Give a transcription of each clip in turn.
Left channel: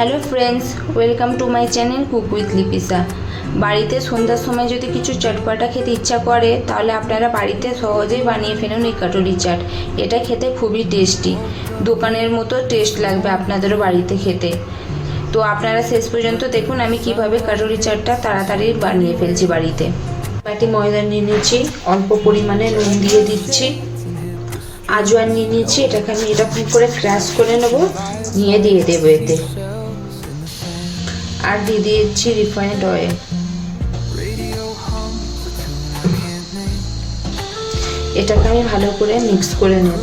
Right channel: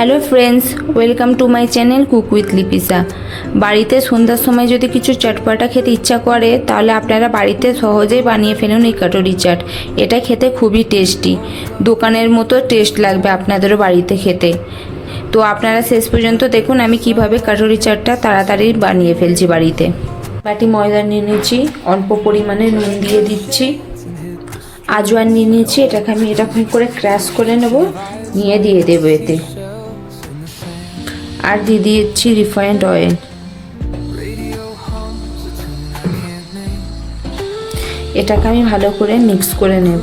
Hello friends, welcome to my channel cook with Lipisa. বাড়িতে সন্ধ্যার সময় যদি কিছু চটপটা খেতে ইচ্ছা করে তাহলে আপনারা বাড়িতে সহজেই বানিয়ে ফেলুন এই কাটুরি চাট। এটা খেতে খুবই টেস্টি, দোকানের মতো টেস্ট লাগবে আপনাদেরও বাড়িতে খেতে। তো আপনারা শেষ পর্যন্ত দেখুন আমি কিভাবে কাটুরি চাটটা তাড়াতাড়ি বানিয়ে ফেলছি বাড়িতে। বাটি ময়দা নিয়ে নিয়েছি, অল্প পরিমাণে নুন দিয়ে দিচ্ছি, আজওয়ান নিয়ে নিয়েছি, এটাকে আমি এরকম করে ক্রাশ করে নেব, নিয়ে দিয়ে দেবো এতে। আর দিয়ে দিচ্ছি রিফাইন্ড অয়েল। এটাকে আমি ভালো করে মিক্স করে নেব।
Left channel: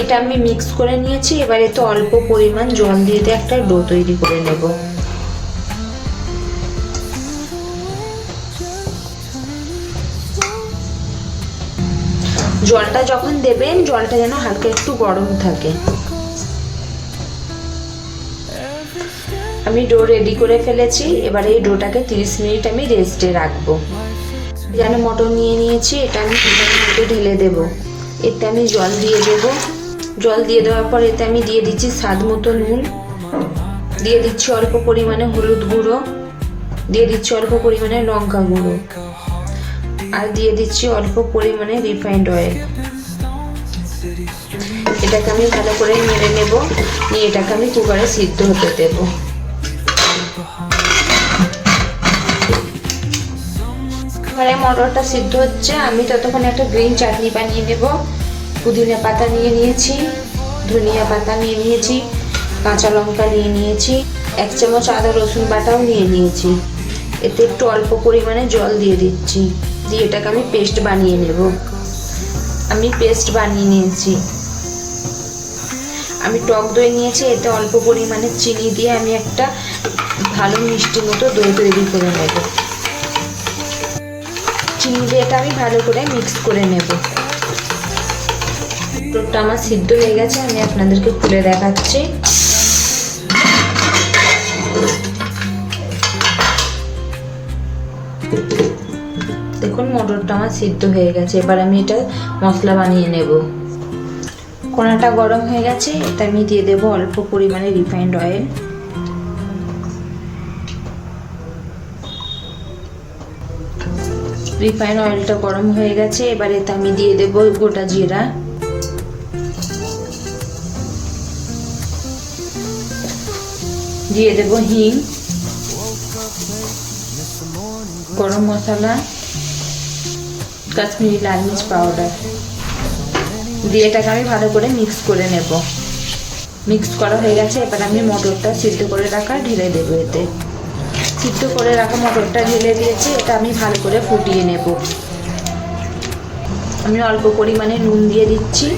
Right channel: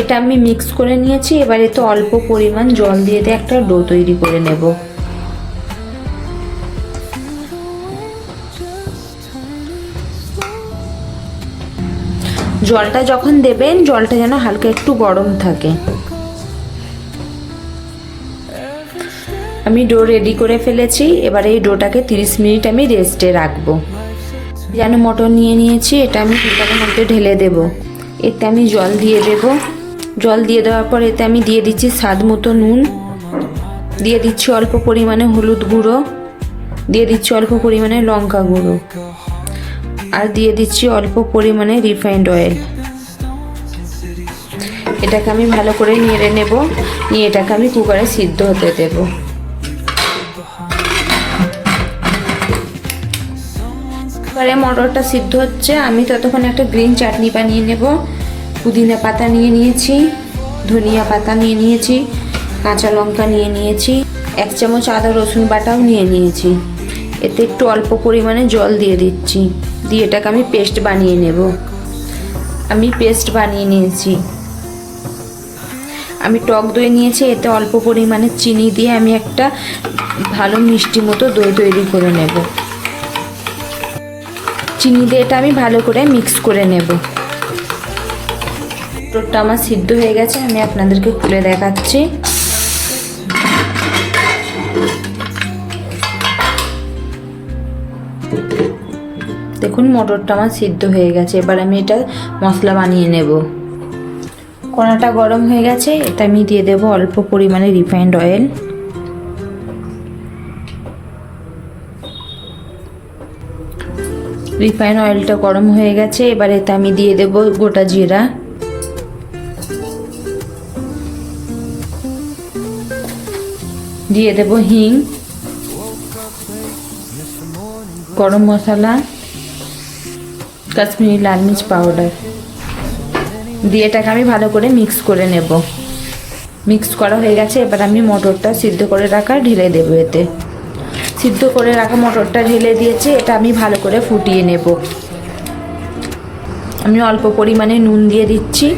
এটা আমি মিক্স করে নিয়েছি, এবার এতে অল্প পরিমাণ জল দিয়ে একটা ডো তৈরি করে নেব। জলটা যখন দেবেন জলটা যেন হালকা একটু গরম থাকে। আমি ডো রেডি করে ফেলেছি, এবার এই ডোটাকে 30 মিনিট আমি রেস্টে রাখবো। যেন মটর নিয়ে নিয়েছি, এটা আমি কুকারের মধ্যে ঢেলে দেব। এতে আমি জল দিয়ে দেব। জল দিয়ে দেওয়ার পর এতে আমি দিয়ে দিচ্ছি স্বাদ মতো নুন, দিয়ে দিচ্ছি অল্প পরিমাণে হলুদ গুঁড়ো, দিয়ে দিচ্ছি অল্প পরিমাণে লঙ্কা গুঁড়ো, আর দিয়ে দিচ্ছি অল্প পরিমাণে রিফাইন্ড অয়েল। এটাকে আমি ভালো করে নেড়ে নেব, নিয়ে এটাকে আমি কুকারে সিদ্ধ হতে দেব। এবারে মটরটা সিদ্ধ হচ্ছে, আমি ততক্ষণ একটা গ্রিন চাটনি বানিয়ে নেব। পুদিনা পাতা নিয়ে নিয়েছি, ধনিয়া পাতা নিয়ে নিয়েছি, কাঁচা লঙ্কা নিয়ে নিয়েছি, 1 চামচ আদা রসুন বাটাও নিয়ে নিয়েছি। এতে একটু অল্প পরিমাণে জল দিয়ে দিচ্ছি, দিয়ে এটাকে আমি পেস্ট বানিয়ে নেব। আমি পেস্ট বানিয়ে নিয়েছি। আমি টক দই নিয়েছি, এতে অল্প পরিমাণে চিনি দিয়ে আমি একটা ভালো মিষ্টি মতো দই তৈরি করে নেব। চিনি দিয়ে এটা আমি ভালো করে মিক্স করে নেব। মটরটা আমার সিদ্ধ হয়ে গেছে, আমি আপনাদেরকে খুলে দেখাচ্ছি। দেখুন মটরটা আমার সিদ্ধ হয়ে গেছে। এবার আমি এটা মশলা বানিয়ে নেব। কড়াটা গরম হয়ে গেছে, এটা আমি দিয়ে দেব অল্প পরিমাণে রিফাইন্ড অয়েল। রিফাইন্ড অয়েলটা গরম হয়ে গেছে, এবার এতে আমি দিয়ে দেব গোটা জিরা, দিয়ে দেব হিং, গরম মশলা, কাশ্মীরি লাল মির্চ পাউডার দিয়ে এটাকে আমি ভালো করে মিক্স করে নেব। মিক্স করা হয়ে গেছে, এবার আমি মটরটা সিদ্ধ করে রাখা ঢেলে দেবো। এতে সিদ্ধ করে রাখা মটরটা ঢেলে দিয়েছি, এটা আমি ভালো করে ফুটিয়ে নেব। আমি অল্প পরিমাণে নুন দিয়ে দিচ্ছি,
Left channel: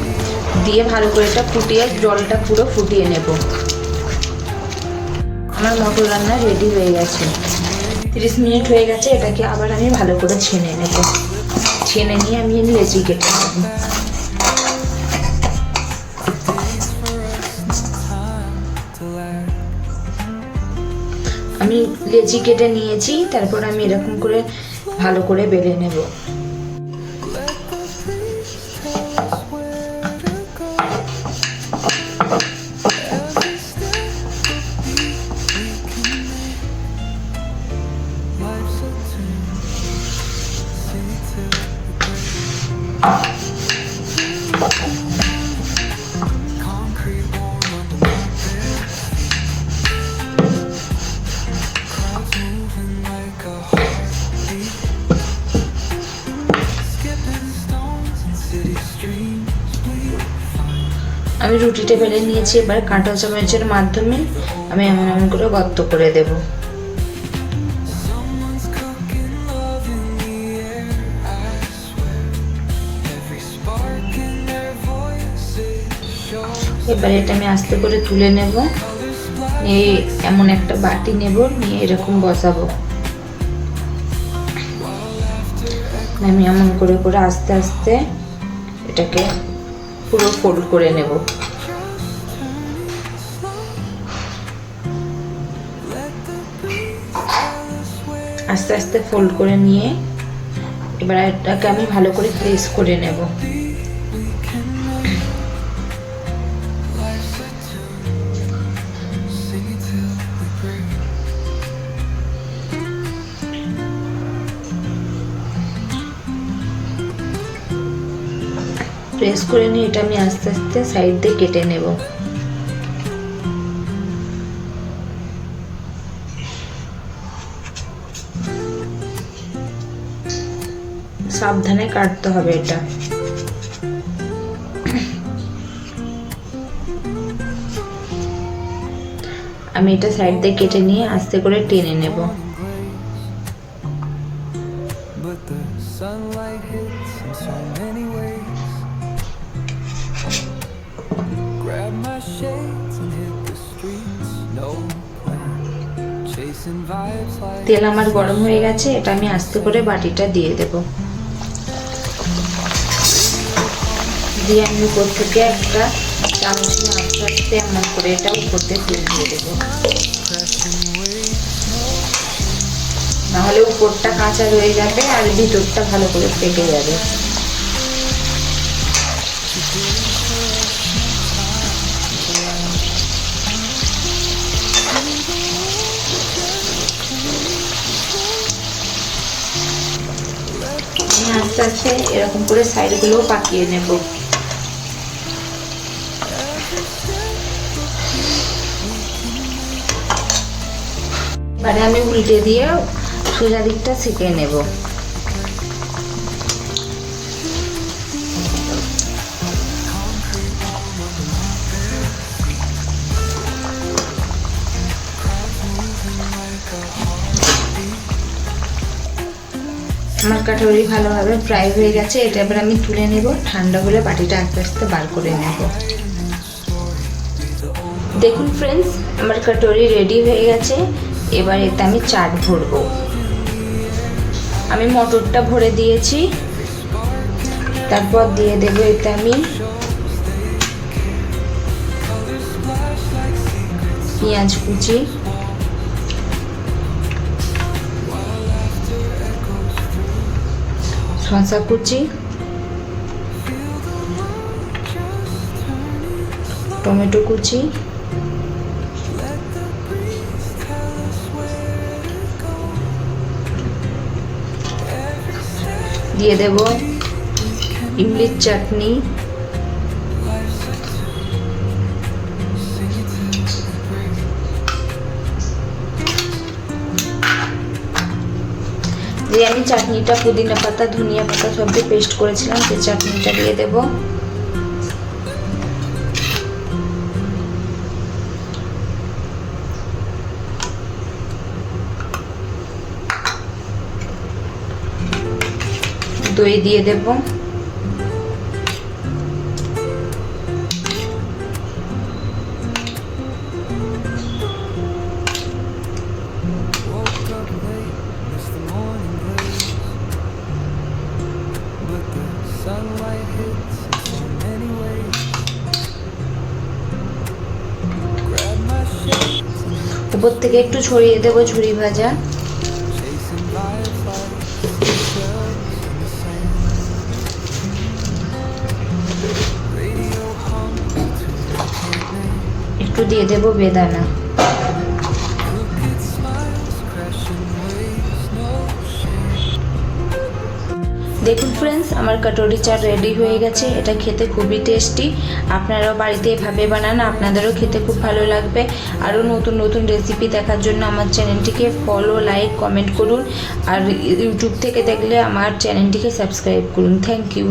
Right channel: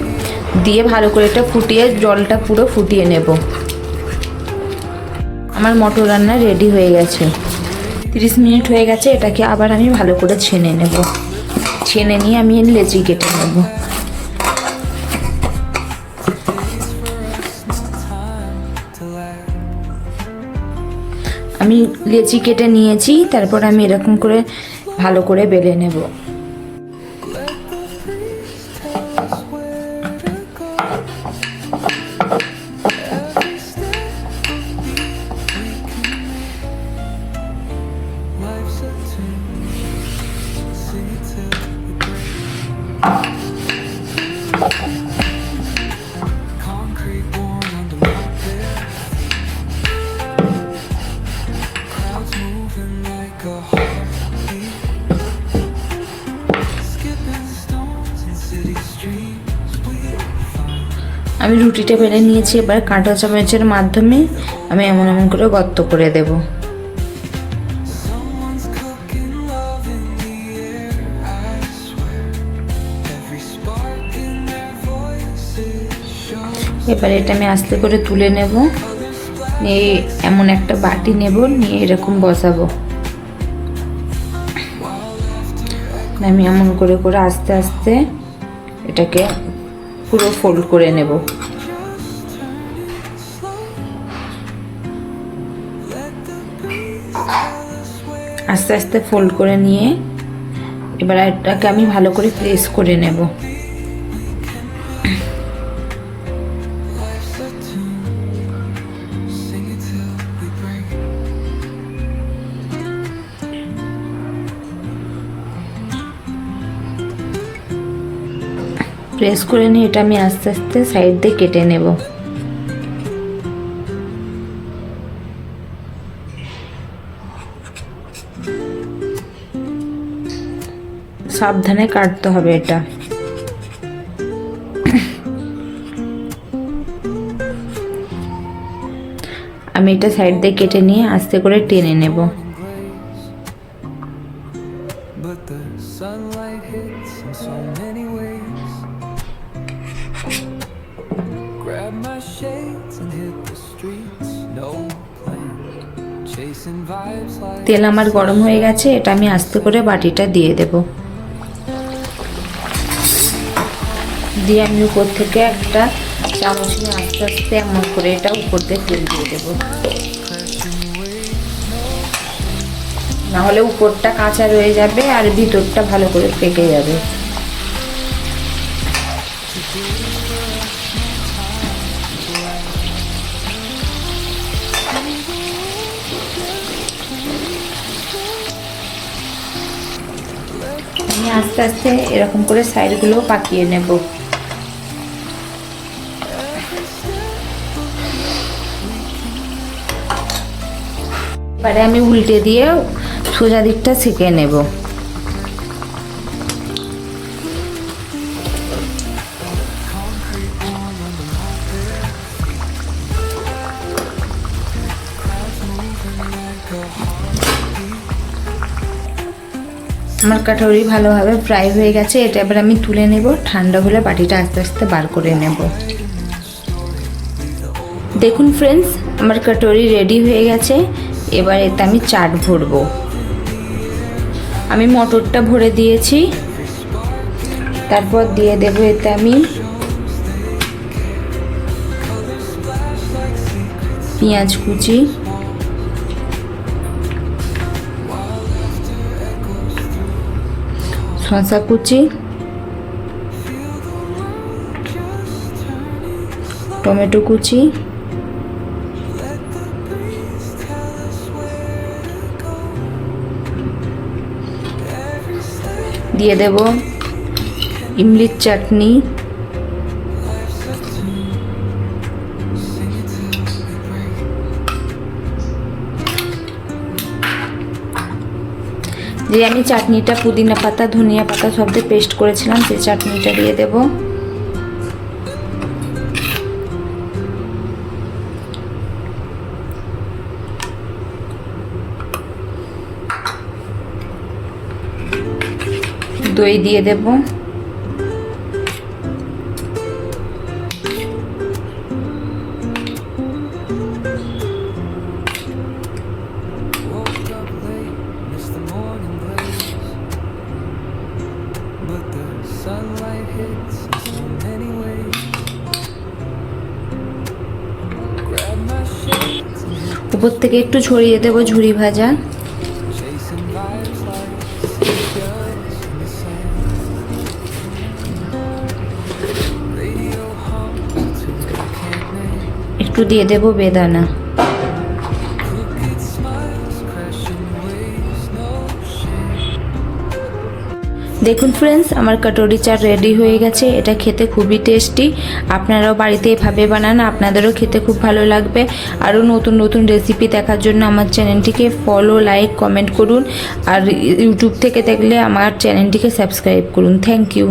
দিয়ে ভালো করে এটা ফুটিয়ে জলটা পুরো ফুটিয়ে নেব। আমার মটর রান্না রেডি হয়ে গেছে। 30 মিনিট হয়ে গেছে, এটাকে আবার আমি ভালো করে ছেনে নেব। ছেনে নিয়ে আমি লেচি কেটে নেব। আমি লেচি কেটে নিয়েছি, তারপর আমি এরকম করে ভালো করে বেলে নেব। আমি রুটিটা বেলে নিয়েছি, এবার কাঁটা চামচের মাধ্যমে আমি এমন করে গর্ত করে দেব। এবার এটা আমি আস্তে করে তুলে নেব, নিয়ে এমন একটা বাটি নেব, নিয়ে এরকম বসাবো। আমি এমন করে করে আস্তে আস্তে এটাকে পুরো ফোল্ড করে নেব। আস্তে আস্তে ফোল্ড করে নিয়ে এবার এটাকে আমি ভালো করে প্রেস করে নেব। প্রেস করে নিয়ে এটা আমি আস্তে আস্তে সাইড দিয়ে কেটে নেব। সাবধানে কাটতে হবে এটা। আমি এটা সাইড দিয়ে কেটে নিয়ে আস্তে করে টেনে নেব। তেল আমার গরম হয়ে গেছে, এটা আমি আস্তে করে বাটিটা দিয়ে দেব। দিয়ে আমি উপর থেকে একটা চামচ নিয়ে আস্তে আস্তে এমন করে এটা উপর দিয়ে তেল দিয়ে দেবো, নাহলে উপরটা কাঁচা রয়ে যাবে আর ভিতরটা ভালো করে পেকে যাবে। আমি আস্তে আস্তে এরকম করে সাইডগুলো পাকিয়ে নেব। এবারে আমি উল্টে দিয়ে সোজা দিকটা সেঁকে নেব। আমার কাটুরি ভালোভাবে ফ্রাই হয়ে গেছে, এটা এবার আমি তুলে নেব। ঠান্ডা হলে বাটিটা আস্তে আস্তে বার করে নেব। দেখুন ফ্রেন্ডস, আমার কাটুরি রেডি হয়ে গেছে। এবার এতে আমি চাট ভরবো। আমি মটরটা ভরে দিয়েছি, তারপর দিয়ে দেবো এতে আমি পেঁয়াজ কুচি, শসা কুচি, টমেটো কুচি, দিয়ে দেব ইমলির চাটনি, যে আমি চাটনিটা পুদিনা পাতা ধনিয়া পাতা সব দিয়ে পেস্ট করেছিলাম, সেই চাটনিটা দিয়ে দেব। দই দিয়ে দেব। উপর থেকে একটু ছড়িয়ে দেব ঝুরি ভাজা। একটু দিয়ে দেব বেদানা। দেখুন ফ্রেন্ডস, আমার কাটুরি চাট রেডি হয়ে গেছে। এটা খেতে খুবই টেস্টি। আপনারাও বাড়িতে এভাবে বানান, আপনাদেরও খেতে খুব ভালো লাগবে। আরও নতুন নতুন রেসিপি দেখার জন্য আমার চ্যানেলটিকে ফলো, লাইক, কমেন্ট করুন। আর ইউটিউব থেকে দেখলে আমার চ্যানেলটিকে সাবস্ক্রাইব করুন। Thank you.